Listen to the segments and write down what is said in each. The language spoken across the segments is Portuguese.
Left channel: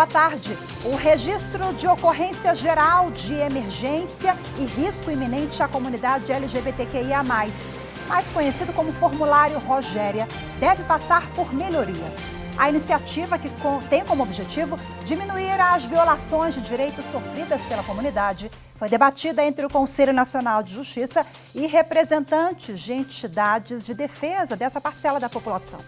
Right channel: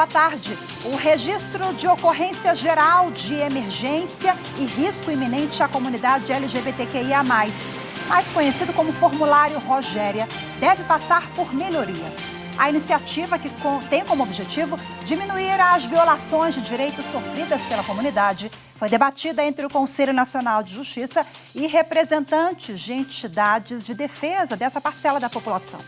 Boa tarde. O Registro de Ocorrência Geral de Emergência e Risco Iminente à Comunidade LGBTQIA+, mais conhecido como Formulário Rogéria, deve passar por melhorias. A iniciativa, que tem como objetivo diminuir as violações de direitos sofridas pela comunidade, foi debatida entre o Conselho Nacional de Justiça e representantes de entidades de defesa dessa parcela da população.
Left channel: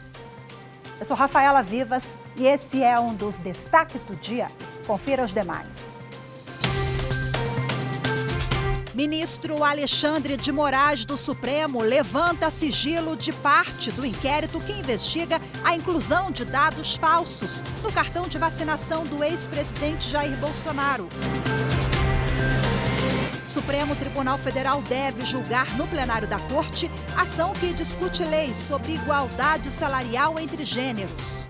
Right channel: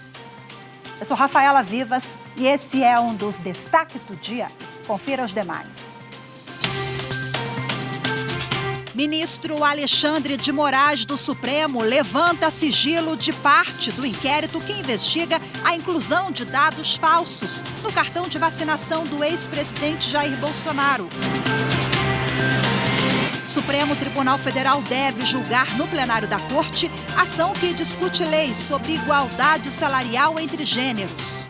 Eu sou Rafaela Vivas e esse é um dos destaques do dia. Confira os demais. Ministro Alexandre de Moraes do Supremo levanta sigilo de parte do inquérito que investiga a inclusão de dados falsos no cartão de vacinação do ex-presidente Jair Bolsonaro. Supremo Tribunal Federal deve julgar no plenário da Corte ação que discute lei sobre igualdade salarial entre gêneros.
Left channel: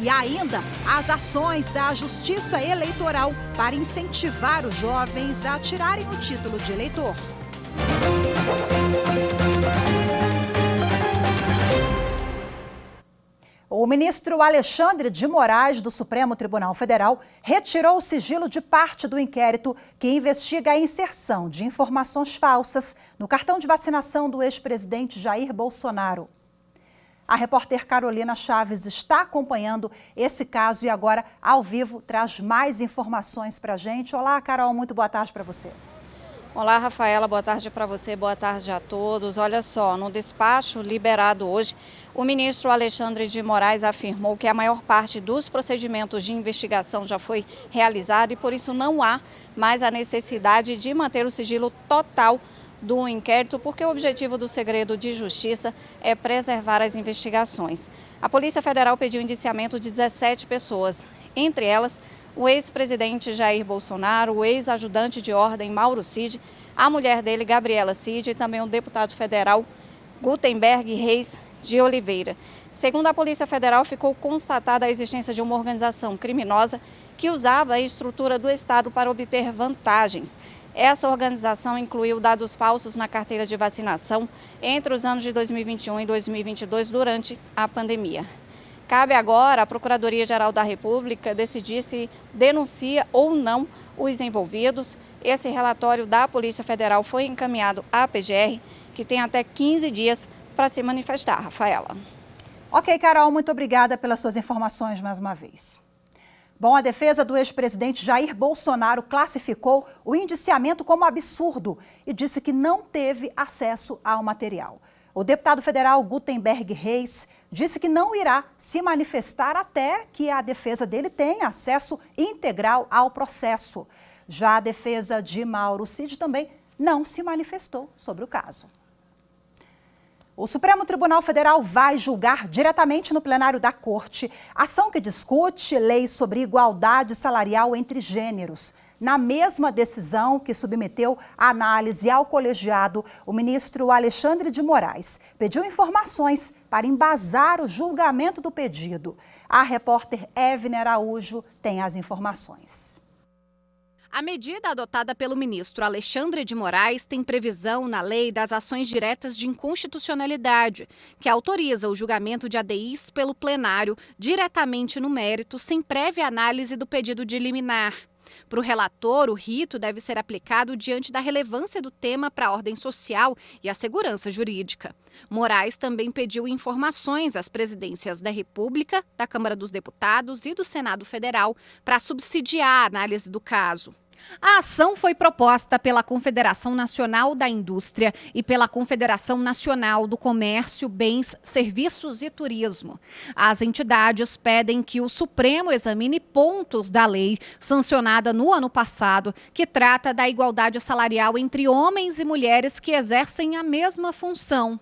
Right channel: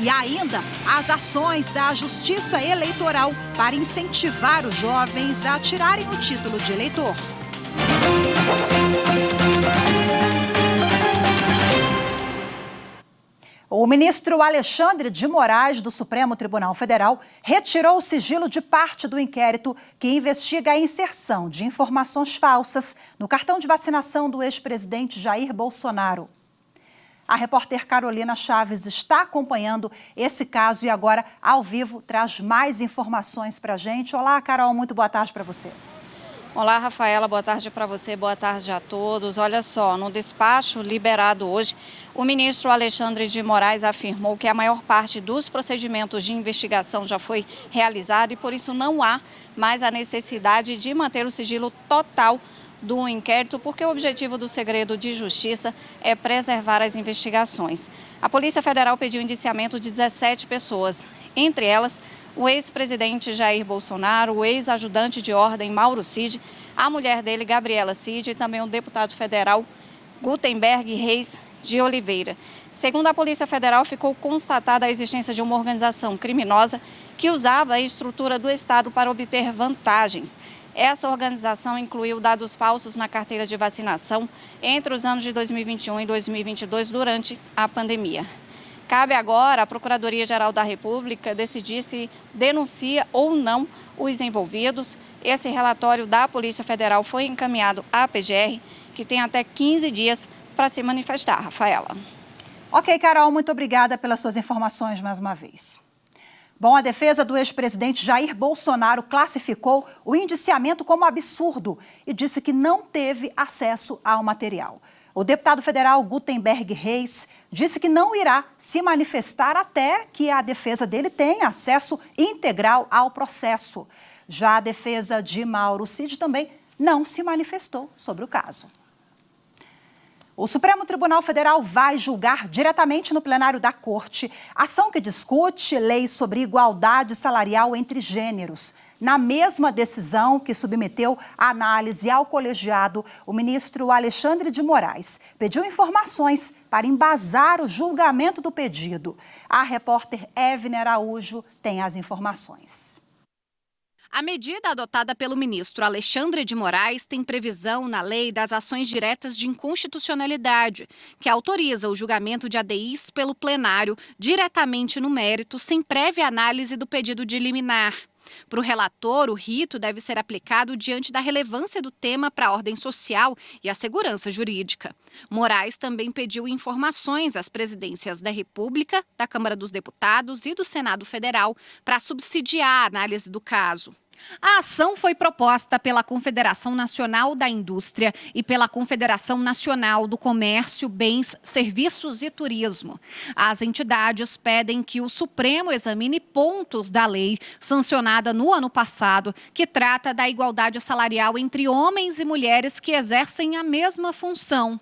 E ainda as ações da Justiça Eleitoral para incentivar os jovens a tirarem o título de eleitor. O ministro Alexandre de Moraes, do Supremo Tribunal Federal, retirou o sigilo de parte do inquérito que investiga a inserção de informações falsas no cartão de vacinação do ex-presidente Jair Bolsonaro. A repórter Carolina Chaves está acompanhando esse caso e agora, ao vivo, traz mais informações para a gente. Olá, Carol, muito boa tarde para você. Olá, Rafaela, boa tarde para você, boa tarde a todos. Olha só, no despacho liberado hoje, o ministro Alexandre de Moraes afirmou que a maior parte dos procedimentos de investigação já foi realizada e por isso não há mais a necessidade de manter o sigilo total do inquérito, porque o objetivo do segredo de justiça é preservar as investigações. A Polícia Federal pediu indiciamento de 17 pessoas, entre elas o ex-presidente Jair Bolsonaro, o ex-ajudante de ordem Mauro Cid, a mulher dele, Gabriela Cid, e também o deputado federal Gutenberg Reis de Oliveira. Segundo a Polícia Federal, ficou constatada a existência de uma organização criminosa que usava a estrutura do Estado para obter vantagens. Essa organização incluiu dados falsos na carteira de vacinação entre os anos de 2021 e 2022, durante a pandemia. Cabe agora à Procuradoria-Geral da República decidir se denuncia ou não os envolvidos. Esse relatório da Polícia Federal foi encaminhado à PGR, que tem até 15 dias para se manifestar, Rafaela. Ok, Carol, muito obrigada pelas suas informações mais uma vez. Bom, a defesa do ex-presidente Jair Bolsonaro classificou o indiciamento como absurdo e disse que não teve acesso ao material. O deputado federal Gutenberg Reis disse que não irá se manifestar até que a defesa dele tenha acesso integral ao processo. Já a defesa de Mauro Cid também não se manifestou sobre o caso. O Supremo Tribunal Federal vai julgar diretamente no plenário da Corte ação que discute leis sobre igualdade salarial entre gêneros. Na mesma decisão que submeteu a análise ao colegiado, o ministro Alexandre de Moraes pediu informações para embasar o julgamento do pedido. A repórter Evne Araújo tem as informações. A medida adotada pelo ministro Alexandre de Moraes tem previsão na Lei das Ações Diretas de Inconstitucionalidade, que autoriza o julgamento de ADIs pelo plenário diretamente no mérito, sem prévia análise do pedido de liminar. Para o relator, o rito deve ser aplicado diante da relevância do tema para a ordem social e a segurança jurídica. Moraes também pediu informações às presidências da República, da Câmara dos Deputados e do Senado Federal para subsidiar a análise do caso. A ação foi proposta pela Confederação Nacional da Indústria e pela Confederação Nacional do Comércio, Bens, Serviços e Turismo. As entidades pedem que o Supremo examine pontos da lei sancionada no ano passado, que trata da igualdade salarial entre homens e mulheres que exercem a mesma função.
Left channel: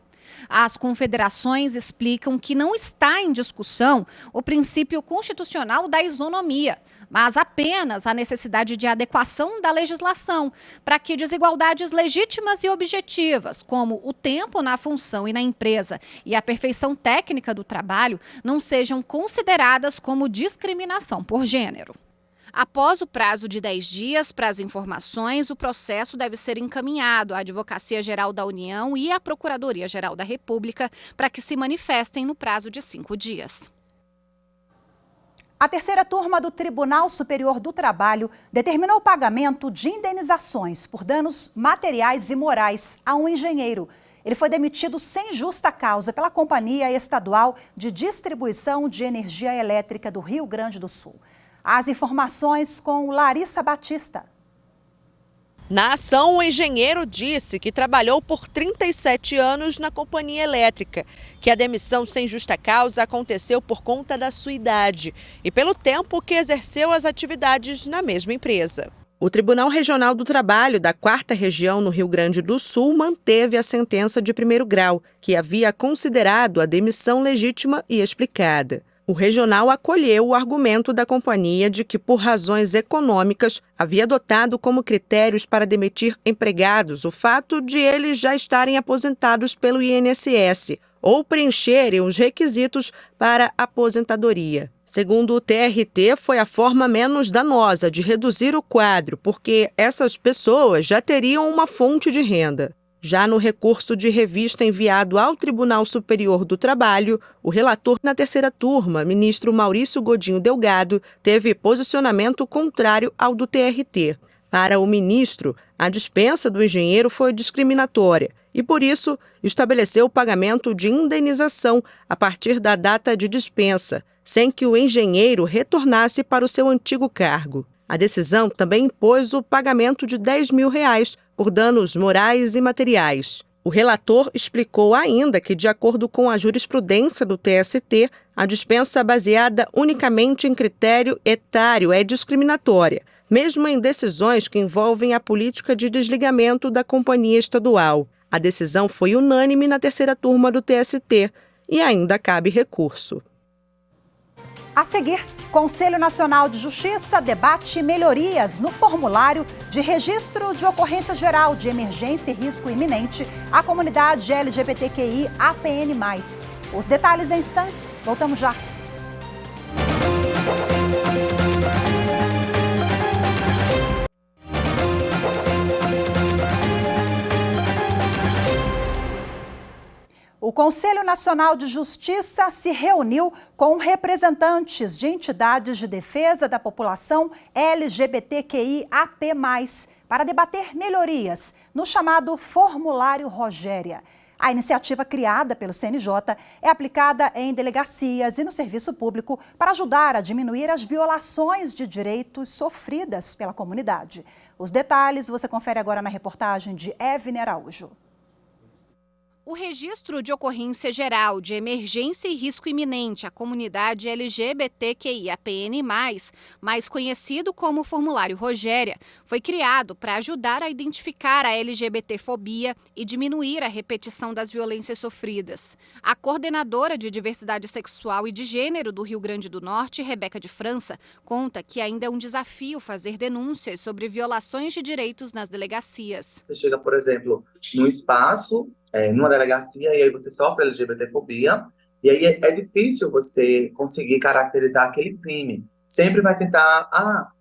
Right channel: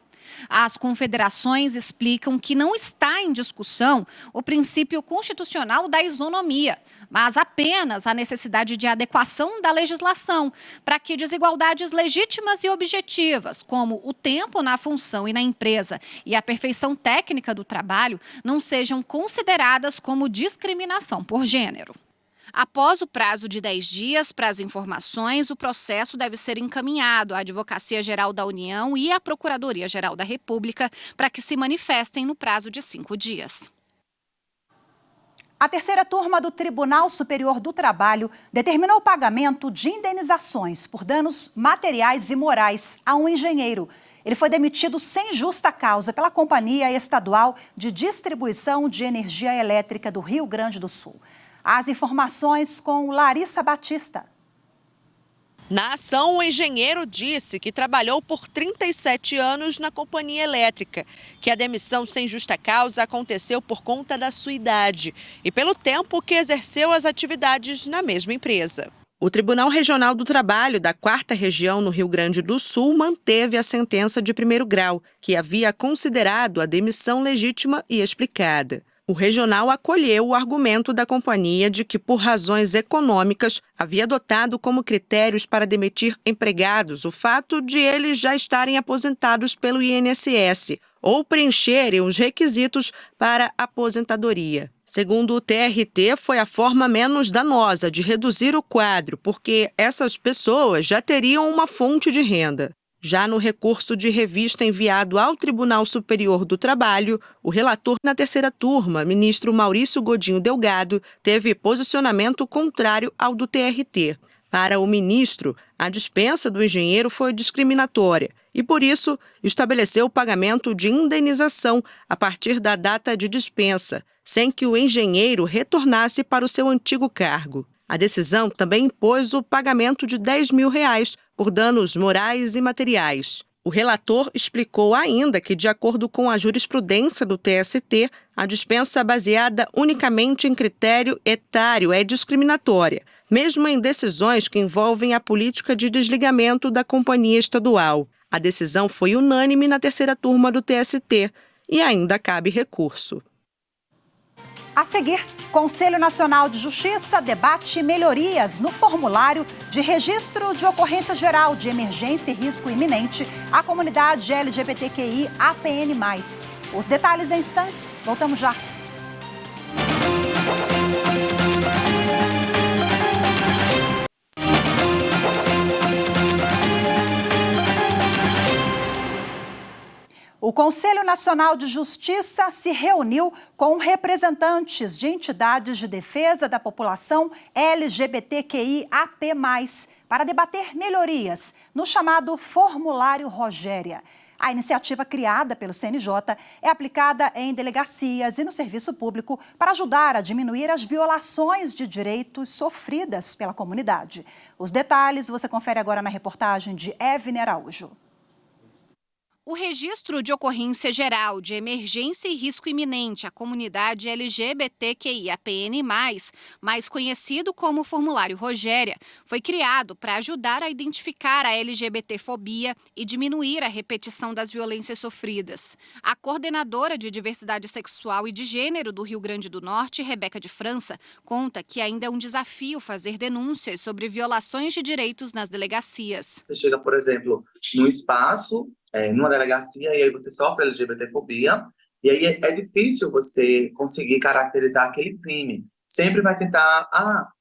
As confederações explicam que não está em discussão o princípio constitucional da isonomia, mas apenas a necessidade de adequação da legislação para que desigualdades legítimas e objetivas, como o tempo na função e na empresa e a perfeição técnica do trabalho, não sejam consideradas como discriminação por gênero. Após o prazo de 10 dias para as informações, o processo deve ser encaminhado à Advocacia Geral da União e à Procuradoria-Geral da República para que se manifestem no prazo de 5 dias. A terceira turma do Tribunal Superior do Trabalho determinou o pagamento de indenizações por danos materiais e morais a um engenheiro. Ele foi demitido sem justa causa pela Companhia Estadual de Distribuição de Energia Elétrica do Rio Grande do Sul. As informações com Larissa Batista. Na ação, o engenheiro disse que trabalhou por 37 anos na companhia elétrica, que a demissão sem justa causa aconteceu por conta da sua idade e pelo tempo que exerceu as atividades na mesma empresa. O Tribunal Regional do Trabalho da 4ª Região no Rio Grande do Sul manteve a sentença de primeiro grau, que havia considerado a demissão legítima e explicada. O regional acolheu o argumento da companhia de que, por razões econômicas, havia adotado como critérios para demitir empregados o fato de eles já estarem aposentados pelo INSS ou preencherem os requisitos para aposentadoria. Segundo o TRT, foi a forma menos danosa de reduzir o quadro, porque essas pessoas já teriam uma fonte de renda. Já no recurso de revista enviado ao Tribunal Superior do Trabalho, o relator na terceira turma, ministro Maurício Godinho Delgado, teve posicionamento contrário ao do TRT. Para o ministro, a dispensa do engenheiro foi discriminatória e, por isso, estabeleceu o pagamento de indenização a partir da data de dispensa, sem que o engenheiro retornasse para o seu antigo cargo. A decisão também impôs o pagamento de R$10 mil por danos morais e materiais. O relator explicou ainda que, de acordo com a jurisprudência do TST, a dispensa baseada unicamente em critério etário é discriminatória, mesmo em decisões que envolvem a política de desligamento da companhia estadual. A decisão foi unânime na terceira turma do TST e ainda cabe recurso. A seguir, Conselho Nacional de Justiça debate melhorias no formulário de registro de ocorrência geral de emergência e risco iminente à comunidade LGBTQI APN+. Os detalhes em instantes. Voltamos já. O Conselho Nacional de Justiça se reuniu com representantes de entidades de defesa da população LGBTQIAP+, para debater melhorias no chamado Formulário Rogéria. A iniciativa criada pelo CNJ é aplicada em delegacias e no serviço público para ajudar a diminuir as violações de direitos sofridas pela comunidade. Os detalhes você confere agora na reportagem de Evne Araújo. O registro de ocorrência geral de emergência e risco iminente à comunidade LGBTQIAPN+, mais conhecido como Formulário Rogéria, foi criado para ajudar a identificar a LGBTfobia e diminuir a repetição das violências sofridas. A coordenadora de Diversidade Sexual e de Gênero do Rio Grande do Norte, Rebeca de França, conta que ainda é um desafio fazer denúncias sobre violações de direitos nas delegacias. Você chega, por exemplo, num espaço, numa delegacia, e aí você sofre LGBTfobia, e aí é difícil você conseguir caracterizar aquele crime. Sempre vai tentar,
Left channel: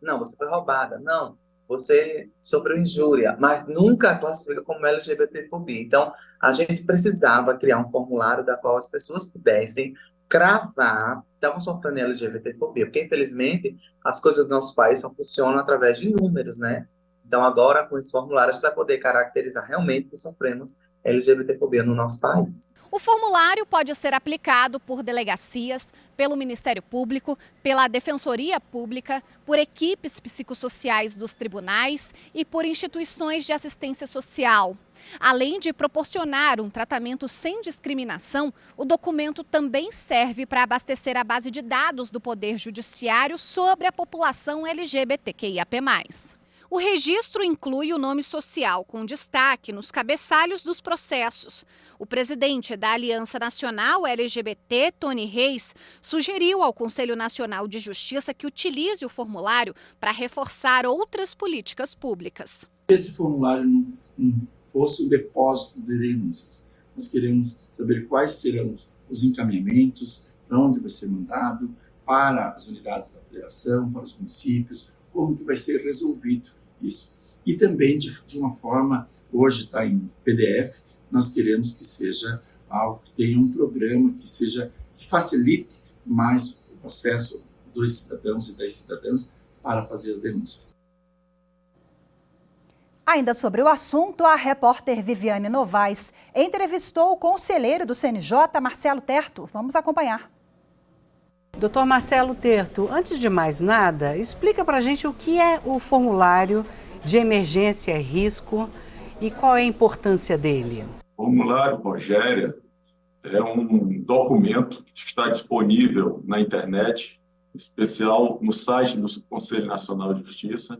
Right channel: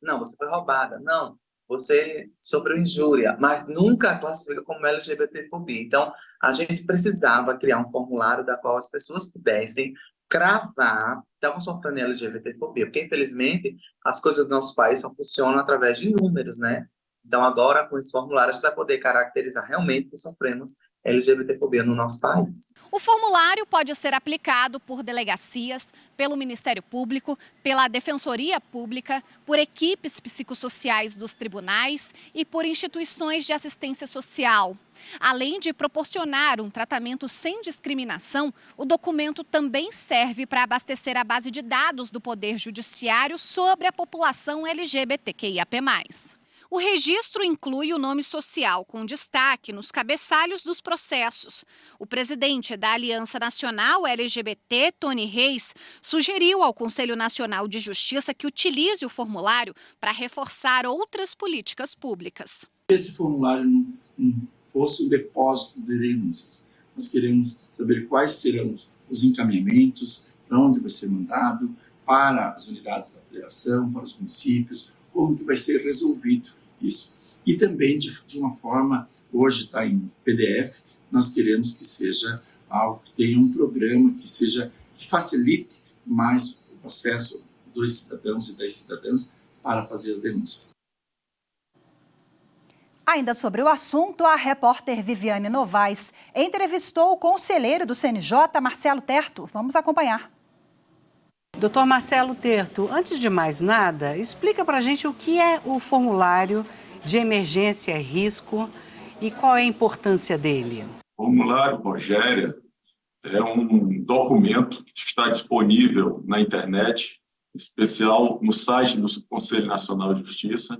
não, você foi roubada, não, você sofreu injúria, mas nunca classifica como LGBTfobia. Então, a gente precisava criar um formulário da qual as pessoas pudessem cravar que estavam sofrendo LGBTfobia, porque, infelizmente, as coisas do nosso país só funcionam através de números, né? Então, agora, com esse formulário, a gente vai poder caracterizar realmente que sofremos LGBTfobia no nosso país. O formulário pode ser aplicado por delegacias, pelo Ministério Público, pela Defensoria Pública, por equipes psicossociais dos tribunais e por instituições de assistência social. Além de proporcionar um tratamento sem discriminação, o documento também serve para abastecer a base de dados do Poder Judiciário sobre a população LGBTQIAP+. O registro inclui o nome social, com destaque nos cabeçalhos dos processos. O presidente da Aliança Nacional LGBT, Tony Reis, sugeriu ao Conselho Nacional de Justiça que utilize o formulário para reforçar outras políticas públicas. Se este formulário não fosse o depósito de denúncias, nós queremos saber quais serão os encaminhamentos, para onde vai ser mandado, para as unidades da federação, para os municípios, como que vai ser resolvido isso. E também de uma forma, hoje está em PDF, nós queremos que seja algo que tenha um programa que facilite mais o acesso dos cidadãos e das cidadãs para fazer as denúncias. Ainda sobre o assunto, a repórter Viviane Novaes entrevistou o conselheiro do CNJ, Marcelo Terto. Vamos acompanhar. Doutor Marcelo Terto, antes de mais nada, explica para a gente o que é o formulário de emergência e risco e qual é a importância dele. O formulário, Rogéria, é um documento que está disponível na internet, em especial no site do Conselho Nacional de Justiça,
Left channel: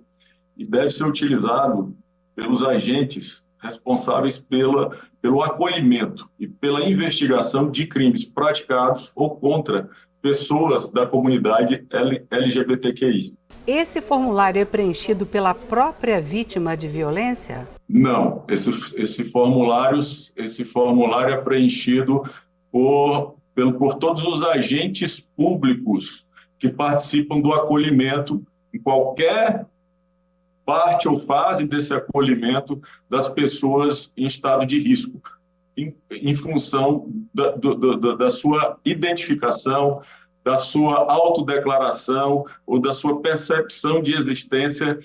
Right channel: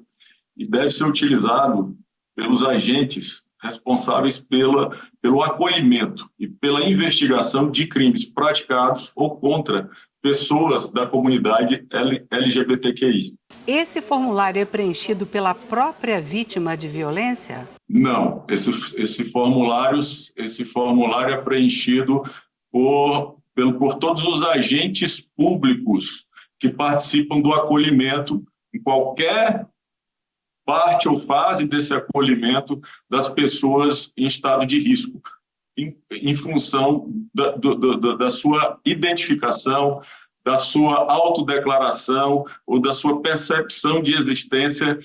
e deve ser utilizado pelos agentes responsáveis pelo acolhimento e pela investigação de crimes praticados ou contra pessoas da comunidade LGBTQI. Esse formulário é preenchido pela própria vítima de violência? Não, esse formulário é preenchido por todos os agentes públicos que participam do acolhimento em qualquer parte ou fase desse acolhimento das pessoas em estado de risco, em função da sua identificação, da sua autodeclaração ou da sua percepção de existência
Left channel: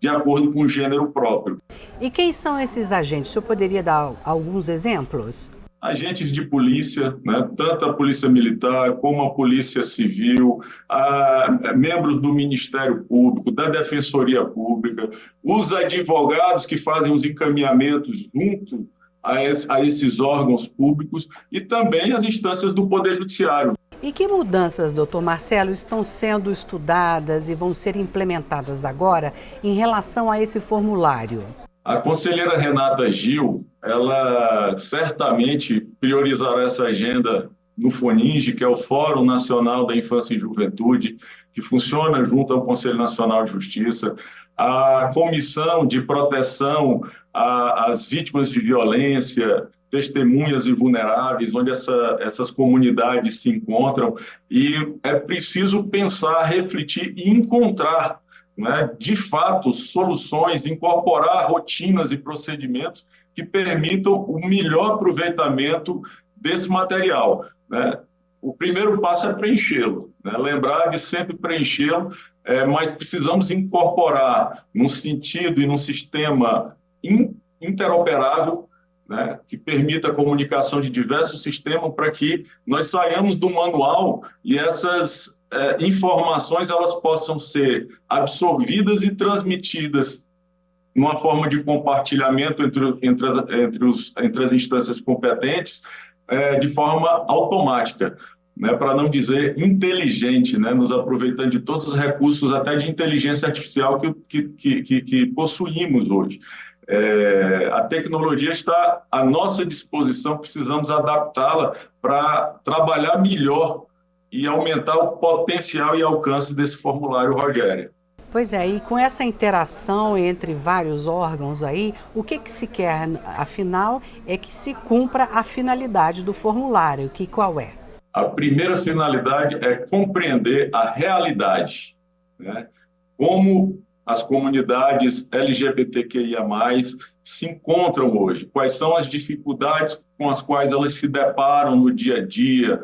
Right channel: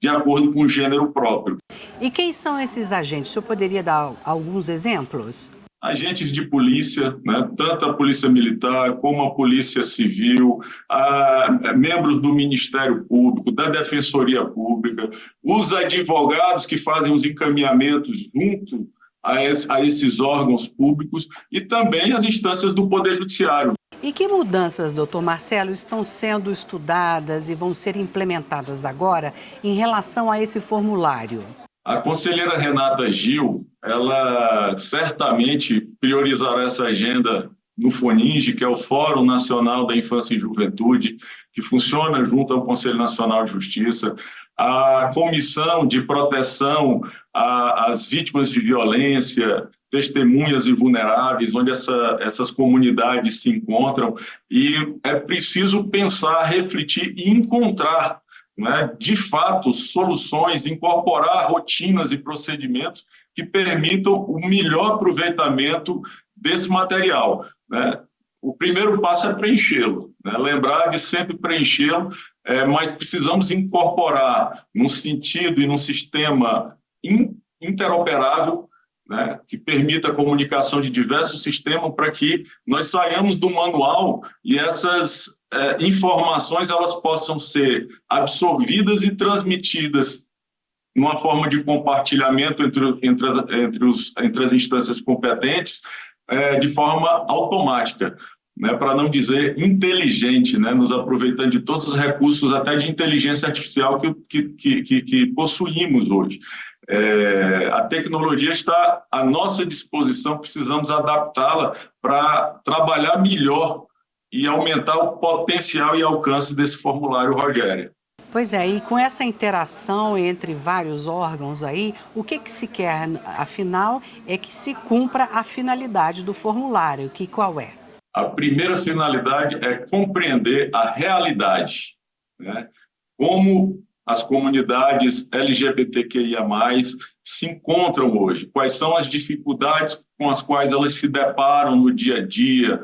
de acordo com o gênero próprio. E quem são esses agentes? O senhor poderia dar alguns exemplos? Agentes de polícia, né, tanto a Polícia Militar como a Polícia Civil, membros do Ministério Público, da Defensoria Pública, os advogados que fazem os encaminhamentos junto a esses órgãos públicos e também as instâncias do Poder Judiciário. E que mudanças, doutor Marcelo, estão sendo estudadas e vão ser implementadas agora em relação a esse formulário? A conselheira Renata Gil, ela certamente priorizará essa agenda no FONINGE, que é o Fórum Nacional da Infância e Juventude, que funciona junto ao Conselho Nacional de Justiça, a Comissão de Proteção às Vítimas de Violência, Testemunhas e Vulneráveis, onde essas comunidades se encontram, e é preciso pensar, refletir e encontrar, né, de fato, soluções, incorporar rotinas e procedimentos que permitam o melhor aproveitamento desse material, né? O primeiro passo é preenchê-lo, né? Lembrar de sempre preenchê-lo, mas precisamos incorporar num sentido e num sistema interoperável, né, que permita a comunicação de diversos sistemas para que nós saiamos do manual e essas informações elas possam ser absorvidas e transmitidas numa forma de compartilhamento entre as instâncias competentes de forma automática, né, para não dizer inteligente, né, nos aproveitando de todos os recursos, até de inteligência artificial que possuímos hoje. A tecnologia está à nossa disposição, precisamos adaptá-la para trabalhar melhor e aumentar o potencial e alcance desse formulário, Rogéria. Pois é, e com essa interação entre vários órgãos aí, o que se quer, afinal, é que se cumpra a finalidade do formulário, qual é? A primeira finalidade é compreender a realidade, né? Como as comunidades LGBTQIA+, se encontram hoje, quais são as dificuldades com as quais elas se deparam no dia a dia,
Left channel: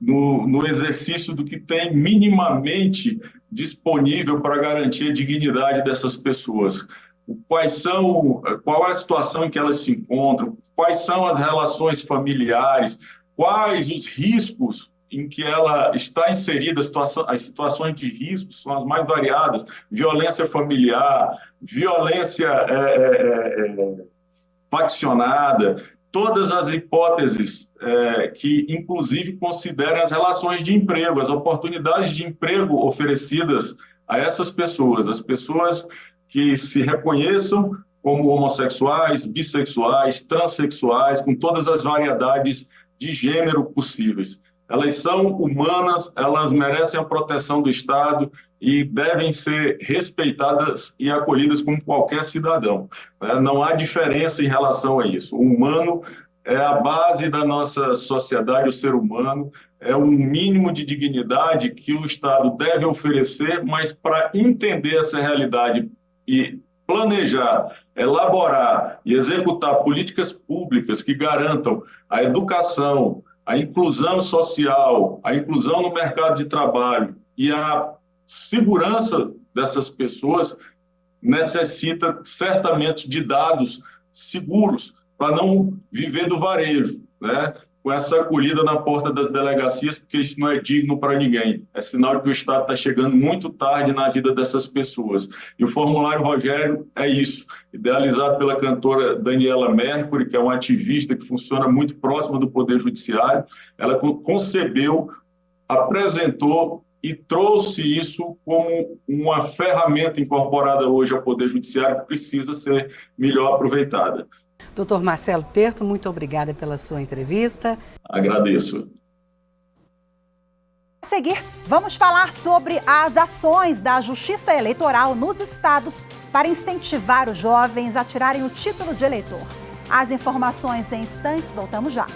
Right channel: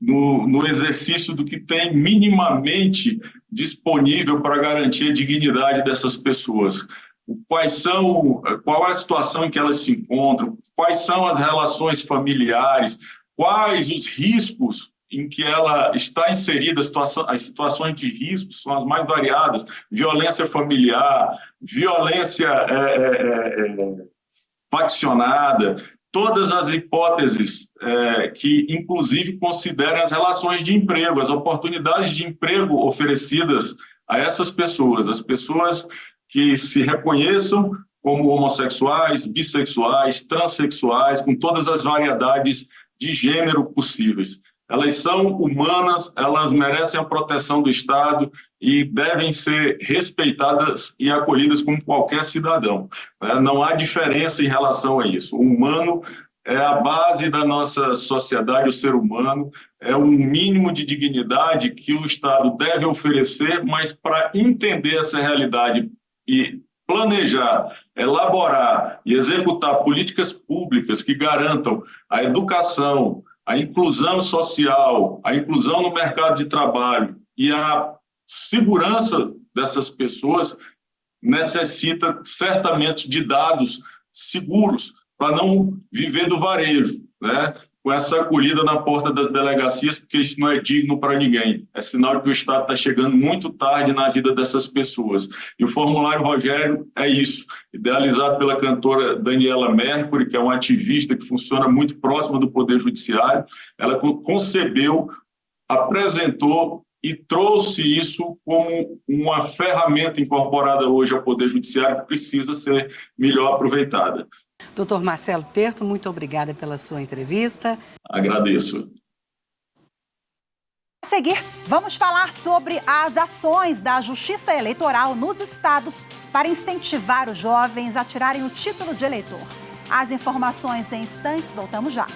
no exercício do que tem minimamente disponível para garantir a dignidade dessas pessoas. Qual é a situação em que elas se encontram, quais são as relações familiares, quais os riscos em que ela está inserida, as situações de risco são as mais variadas, violência familiar, violência faccionada, todas as hipóteses que, inclusive, consideram as relações de emprego, as oportunidades de emprego oferecidas a essas pessoas, as pessoas que se reconheçam como homossexuais, bissexuais, transexuais, com todas as variedades de gênero possíveis. Elas são humanas, elas merecem a proteção do Estado e devem ser respeitadas e acolhidas como qualquer cidadão. Não há diferença em relação a isso. O humano é a base da nossa sociedade, o ser humano é um mínimo de dignidade que o Estado deve oferecer, mas para entender essa realidade e planejar, elaborar e executar políticas públicas que garantam a educação, a inclusão social, a inclusão no mercado de trabalho E a segurança dessas pessoas necessita certamente de dados seguros para não viver do varejo, né? Com essa acolhida na porta das delegacias, porque isso não é digno para ninguém. É sinal de que o Estado está chegando muito tarde na vida dessas pessoas. E o formulário Rogério é isso, idealizado pela cantora Daniela Mercury, que é uma ativista que funciona muito próxima do Poder Judiciário. Ela concebeu, apresentou e trouxe isso como uma ferramenta incorporada hoje ao Poder Judiciário que precisa ser melhor aproveitada. Doutor Marcelo Terto, muito obrigada pela sua entrevista. Agradeço. A seguir, vamos falar sobre as ações da Justiça Eleitoral nos estados para incentivar os jovens a tirarem o título de eleitor. As informações em instantes, voltamos já.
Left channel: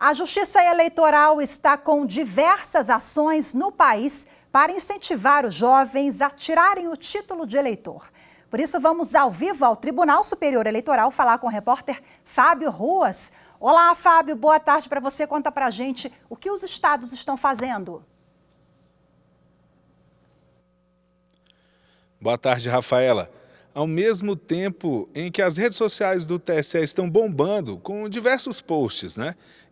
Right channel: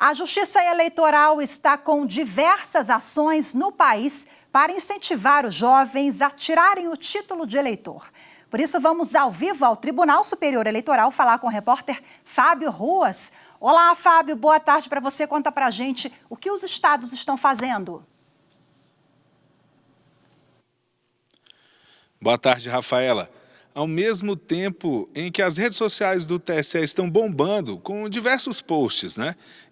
A Justiça Eleitoral está com diversas ações no país para incentivar os jovens a tirarem o título de eleitor. Por isso, vamos ao vivo ao Tribunal Superior Eleitoral falar com o repórter Fábio Ruas. Olá, Fábio, boa tarde para você. Conta para a gente o que os estados estão fazendo. Boa tarde, Rafaela. Ao mesmo tempo em que as redes sociais do TSE estão bombando com diversos posts,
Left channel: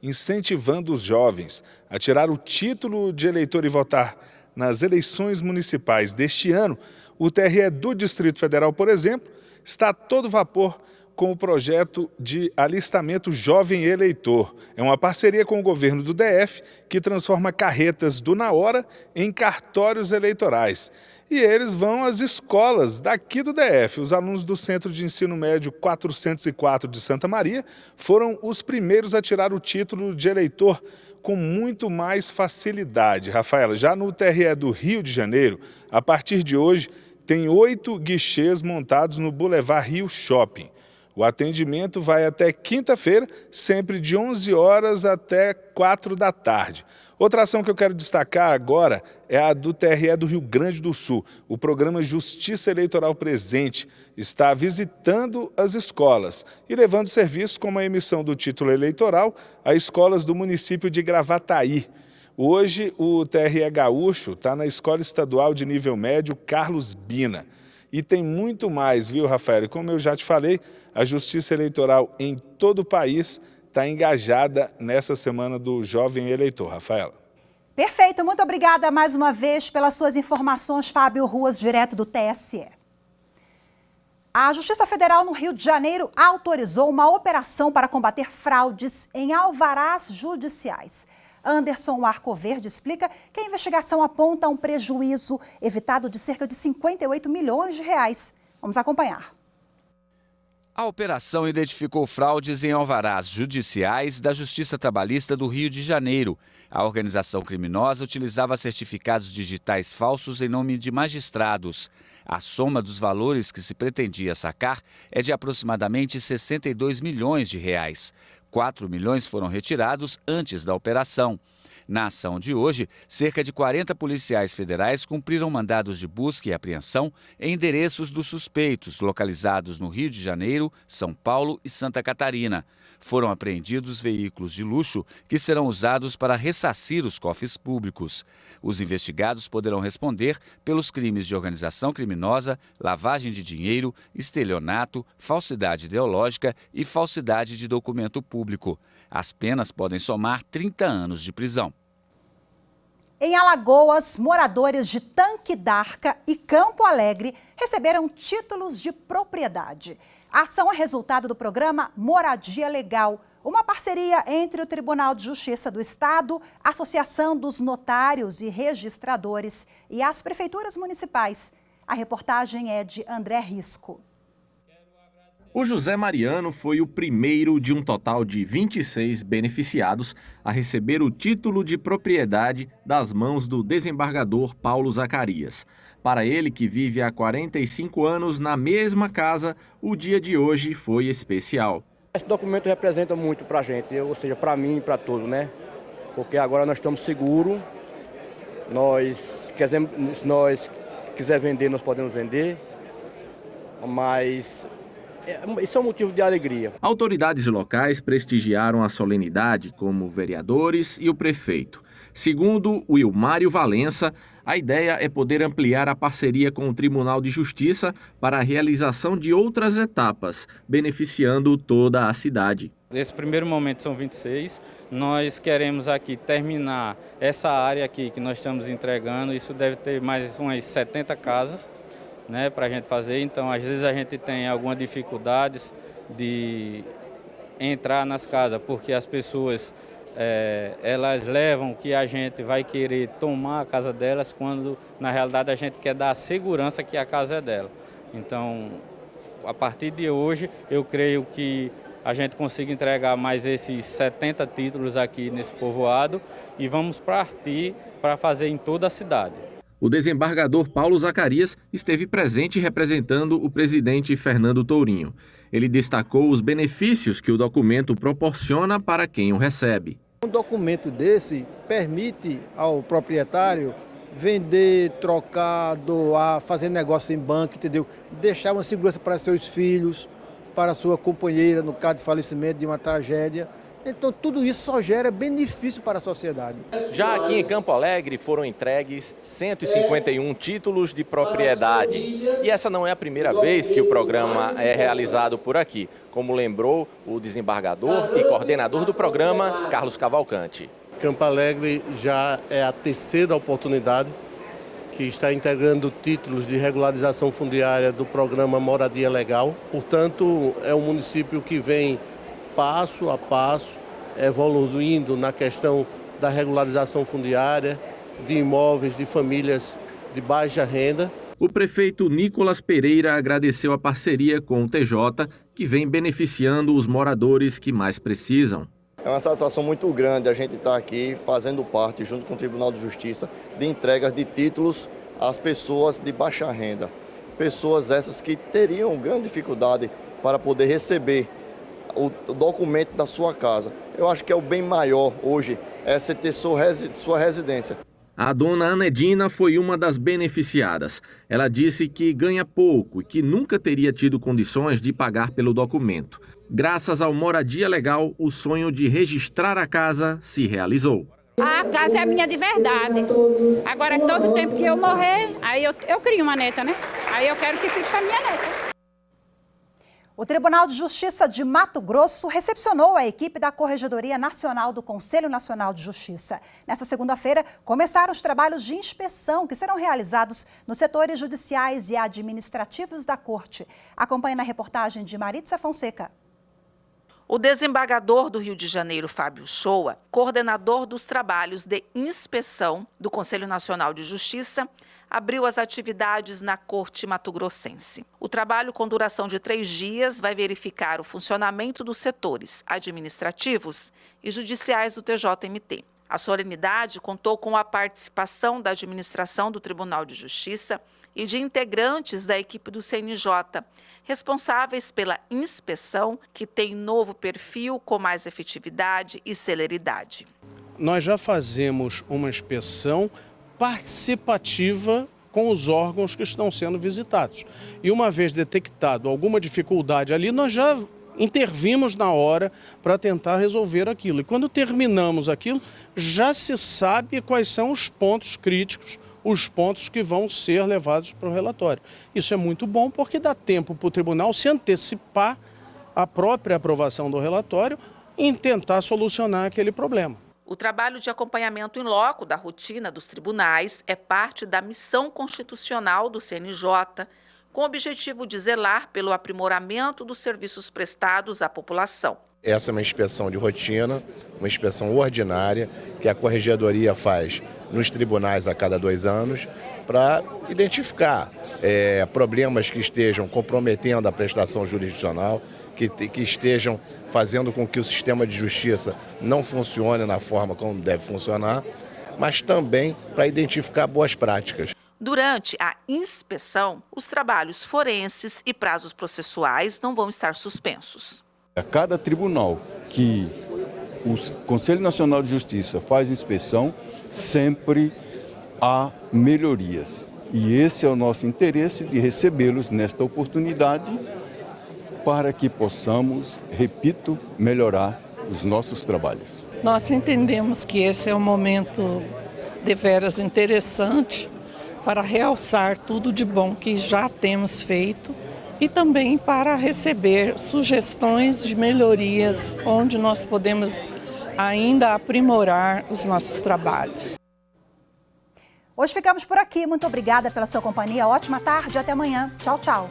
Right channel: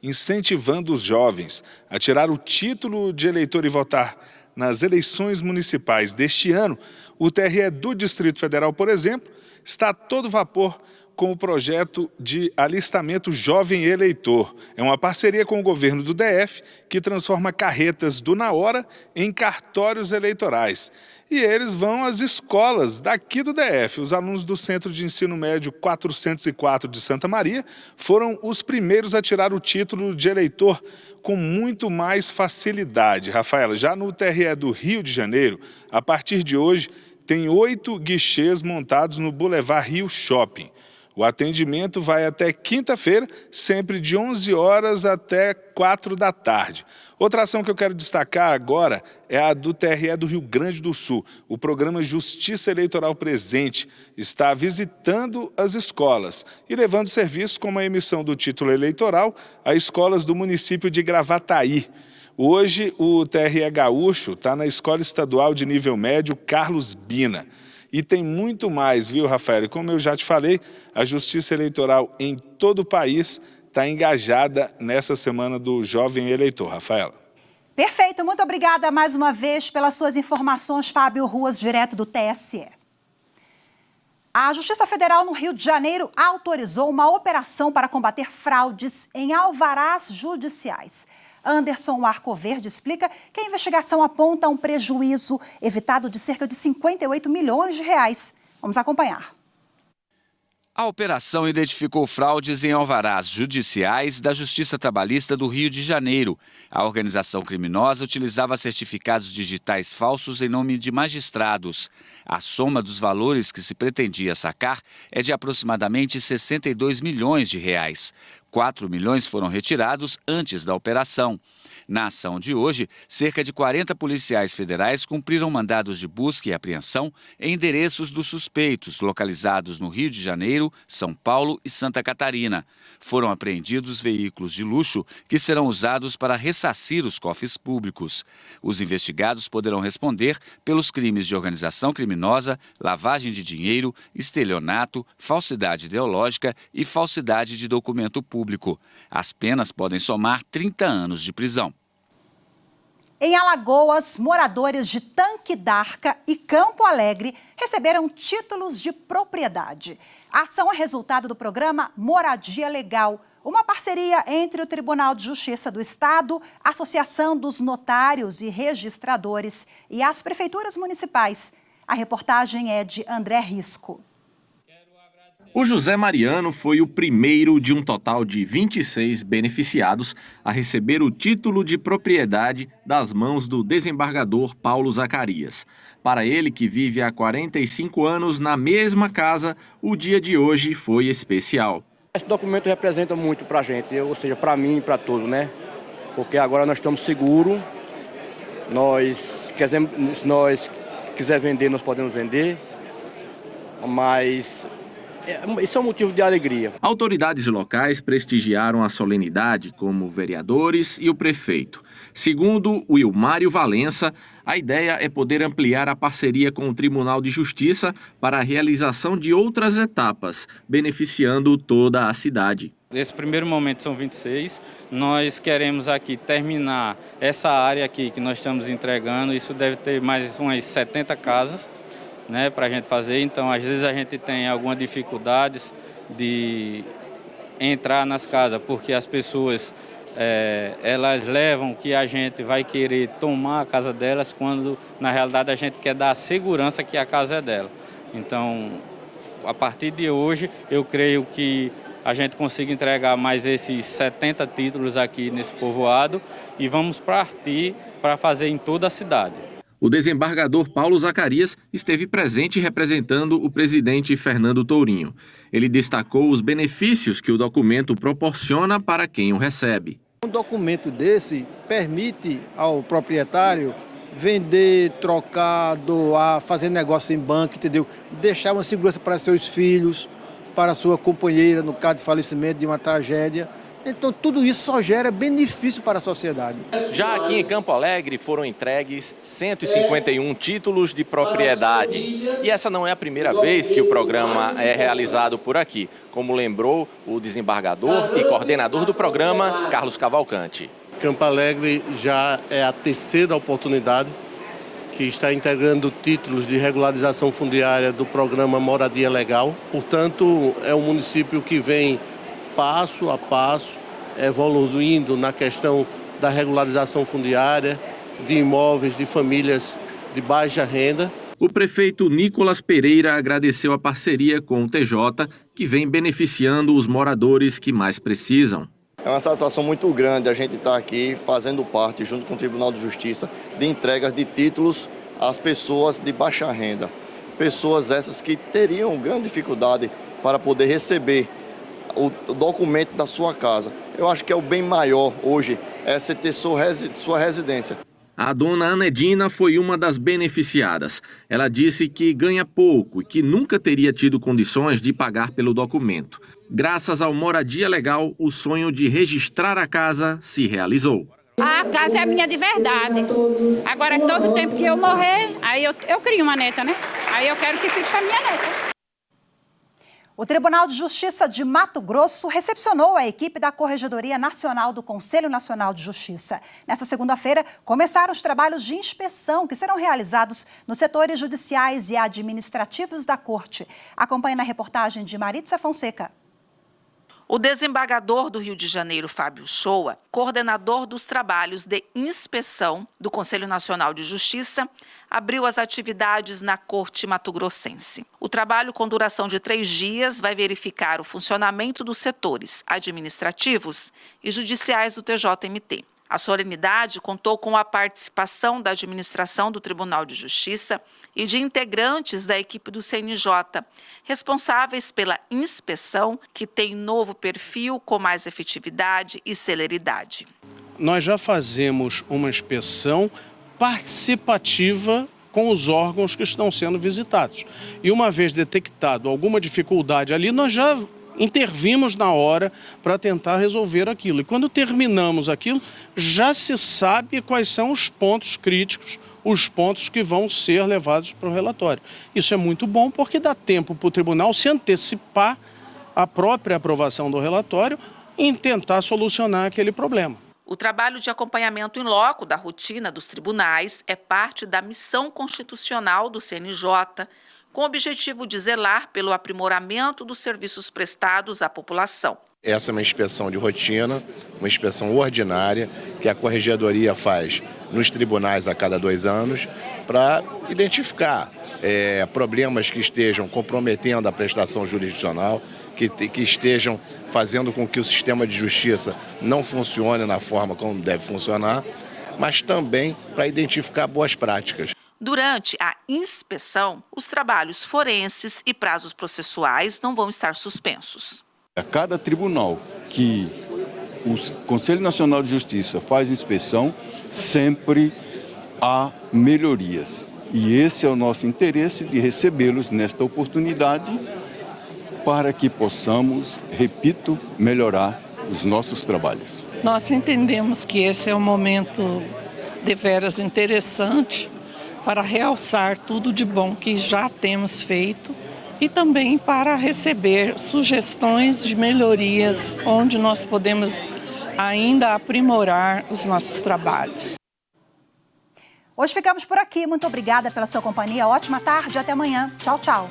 incentivando os jovens a tirar o título de eleitor e votar nas eleições municipais deste ano, o TRE do Distrito Federal, por exemplo, está a todo vapor com o projeto de alistamento jovem eleitor. É uma parceria com o governo do DF que transforma carretas do Na Hora em cartórios eleitorais. E eles vão às escolas daqui do DF. Os alunos do Centro de Ensino Médio 404 de Santa Maria foram os primeiros a tirar o título de eleitor com muito mais facilidade. Rafaela, já no TRE do Rio de Janeiro, a partir de hoje, tem 8 guichês montados no Boulevard Rio Shopping. O atendimento vai até quinta-feira, sempre de 11 horas até 4 da tarde. Outra ação que eu quero destacar agora é a do TRE do Rio Grande do Sul. O programa Justiça Eleitoral Presente está visitando as escolas e levando serviços como a emissão do título eleitoral a escolas do município de Gravataí. Hoje, o TRE Gaúcho está na Escola Estadual de Nível Médio Carlos Bina. E tem muito mais, viu, Rafael? E como eu já te falei, a Justiça Eleitoral em todo o país está engajada nessa semana do jovem eleitor. Rafaela. Perfeito, muito obrigada mais uma vez pelas suas informações, Fábio Ruas, direto do TSE. A Justiça Federal no Rio de Janeiro autorizou uma operação para combater fraudes em alvarás judiciais. Anderson Arcoverde explica que a investigação aponta um prejuízo evitado de cerca de 58 milhões de reais. Vamos acompanhar. A operação identificou fraudes em alvarás judiciais da Justiça Trabalhista do Rio de Janeiro. A organização criminosa utilizava certificados digitais falsos em nome de magistrados. A soma dos valores que se pretendia sacar é de aproximadamente 62 milhões de reais. 4 milhões foram retirados antes da operação. Na ação de hoje, cerca de 40 policiais federais cumpriram mandados de busca e apreensão em endereços dos suspeitos, localizados no Rio de Janeiro, São Paulo e Santa Catarina. Foram apreendidos veículos de luxo que serão usados para ressarcir os cofres públicos. Os investigados poderão responder pelos crimes de organização criminosa, lavagem de dinheiro, estelionato, falsidade ideológica e falsidade de documento público. As penas podem somar 30 anos de prisão. Em Alagoas, moradores de Tanque d'Arca e Campo Alegre receberam títulos de propriedade. A ação é resultado do programa Moradia Legal, uma parceria entre o Tribunal de Justiça do Estado, a Associação dos Notários e Registradores e as prefeituras municipais. A reportagem é de André Risco. O José Mariano foi o primeiro de um total de 26 beneficiados a receber o título de propriedade das mãos do desembargador Paulo Zacarias. Para ele, que vive há 45 anos na mesma casa, o dia de hoje foi especial. Esse documento representa muito para a gente, ou seja, para mim e para todos, né? Porque agora nós estamos seguros, se nós quiser vender, nós podemos vender. mas isso é um motivo de alegria. Autoridades locais prestigiaram a solenidade, como vereadores e o prefeito. Segundo o Wilmário Valença, a ideia é poder ampliar a parceria com o Tribunal de Justiça para a realização de outras etapas, beneficiando toda a cidade. Nesse primeiro momento são 26, nós queremos aqui terminar essa área aqui que nós estamos entregando, isso deve ter mais umas 70 casas, né, para a gente fazer, então às vezes a gente tem algumas dificuldades de entrar nas casas, porque as pessoas elas levam que a gente vai querer tomar a casa delas, quando na realidade a gente quer dar a segurança que a casa é dela. Então, a partir de hoje, eu creio que a gente consiga entregar mais esses 70 títulos aqui nesse povoado e vamos partir para fazer em toda a cidade. O desembargador Paulo Zacarias esteve presente representando o presidente Fernando Tourinho. Ele destacou os benefícios que o documento proporciona para quem o recebe. Um documento desse permite ao proprietário vender, trocar, doar, fazer negócio em banco, entendeu? Deixar uma segurança para seus filhos, para sua companheira, no caso de falecimento, de uma tragédia. Então, tudo isso só gera benefício para a sociedade. Já aqui em Campo Alegre foram entregues 151 títulos de propriedade. E essa não é a primeira vez que o programa é realizado por aqui, como lembrou o desembargador e coordenador do programa, Carlos Cavalcante. Campo Alegre já é a terceira oportunidade que está integrando títulos de regularização fundiária do programa Moradia Legal. Portanto, é um município que vem passo a passo, evoluindo na questão da regularização fundiária, de imóveis de famílias de baixa renda. O prefeito Nicolas Pereira agradeceu a parceria com o TJ, que vem beneficiando os moradores que mais precisam. É uma satisfação muito grande a gente estar aqui fazendo parte, junto com o Tribunal de Justiça, de entregas de títulos às pessoas de baixa renda. Pessoas essas que teriam grande dificuldade para poder receber o documento da sua casa. Eu acho que é o bem maior hoje, é você ter sua residência. A dona Anedina foi uma das beneficiadas. Ela disse que ganha pouco e que nunca teria tido condições de pagar pelo documento. Graças ao Moradia Legal, o sonho de registrar a casa se realizou. A casa é minha de verdade. Agora, todo tempo que eu morrer, aí eu crio uma neta, né? Aí eu quero que fique com a minha neta. O Tribunal de Justiça de Mato Grosso recepcionou a equipe da Corregedoria Nacional do Conselho Nacional de Justiça. Nesta segunda-feira, começaram os trabalhos de inspeção que serão realizados nos setores judiciais e administrativos da Corte. Acompanhe na reportagem de Maritza Fonseca. O desembargador do Rio de Janeiro, Fábio Shoa, coordenador dos trabalhos de inspeção do Conselho Nacional de Justiça, abriu as atividades na Corte mato-grossense. O trabalho, com duração de 3 dias, vai verificar o funcionamento dos setores administrativos e judiciais do TJMT. A solenidade contou com a participação da administração do Tribunal de Justiça e de integrantes da equipe do CNJ, responsáveis pela inspeção, que tem novo perfil com mais efetividade e celeridade. Nós já fazemos uma inspeção participativa com os órgãos que estão sendo visitados. E uma vez detectado alguma dificuldade ali, nós já intervimos na hora para tentar resolver aquilo. E quando terminamos aquilo, já se sabe quais são os pontos críticos, os pontos que vão ser levados para o relatório. Isso é muito bom porque dá tempo para o tribunal se antecipar à própria aprovação do relatório e tentar solucionar aquele problema. O trabalho de acompanhamento em loco da rotina dos tribunais é parte da missão constitucional do CNJ, com o objetivo de zelar pelo aprimoramento dos serviços prestados à população. Essa é uma inspeção de rotina, uma inspeção ordinária que a Corregedoria faz nos tribunais a cada 2 anos para identificar problemas que estejam comprometendo a prestação jurisdicional, que estejam fazendo com que o sistema de justiça não funcione na forma como deve funcionar, mas também para identificar boas práticas. Durante a inspeção, os trabalhos forenses e prazos processuais não vão estar suspensos. A cada tribunal que o Conselho Nacional de Justiça faz inspeção, sempre há melhorias. E esse é o nosso interesse de recebê-los nesta oportunidade para que possamos, repito, melhorar os nossos trabalhos. Nós entendemos que esse é um momento deveras interessante para realçar tudo de bom que já temos feito e também para receber sugestões de melhorias onde nós podemos ainda aprimorar os nossos trabalhos. Hoje ficamos por aqui. Muito obrigada pela sua companhia. Ótima tarde e até amanhã. Tchau, tchau.